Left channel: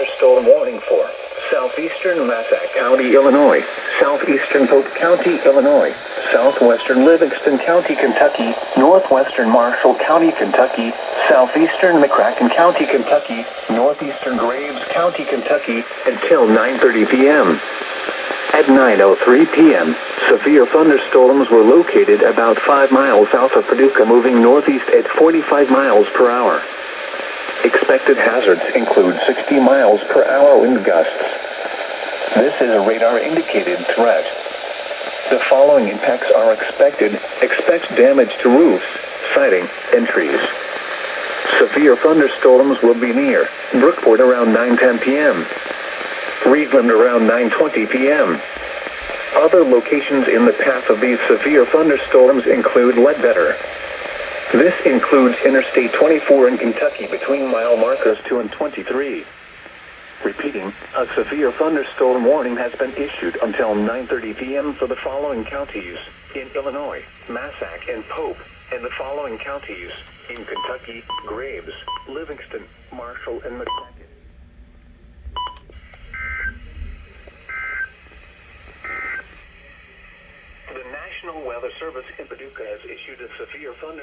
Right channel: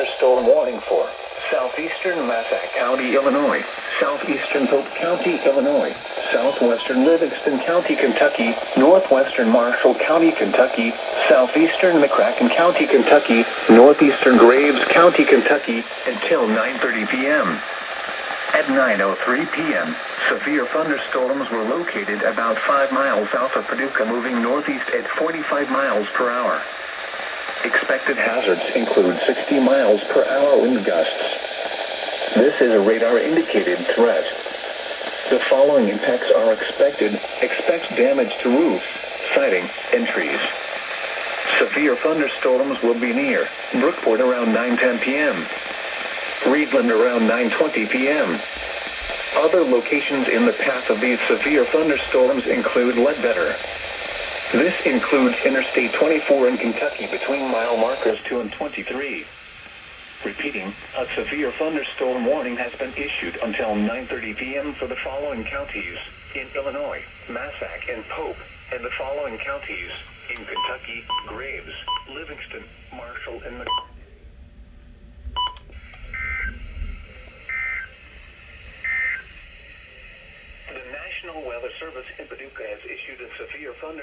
thunderstorm warning for southeastern Massac County, Illinois, southeastern Polk County, Illinois, southwestern Livingston County, Kentucky, northwestern Marshall County, Kentucky, southeastern McCracken County, Kentucky, northeastern Graves County, Kentucky, until 9:30 p.m. At 9:03 p.m., severe thunderstorms were located about 5 miles south of Paducah, moving northeast at 45 miles per hour. Expected hazards include 60 miles per hour wind gusts. This is a radar-indicated threat. The following impacts are expected. Expect damage to roofs, siding, and trees. Severe thunderstorms will be near Brookport around 9:10 p.m. Reedland around 9:20 p.m. Other locations in the path of these severe thunderstorms include Ledbetter. This includes Interstate 24 in Kentucky between mile markers 2 and 23. Repeating, a severe thunderstorm warning has been issued until 9:30 p.m. for the following counties in Illinois, Massac and Pope, and the following counties in Kentucky, Graves, Livingston, Marshall, and McCracken. The National Weather Service in Paducah has issued a severe thunderstorm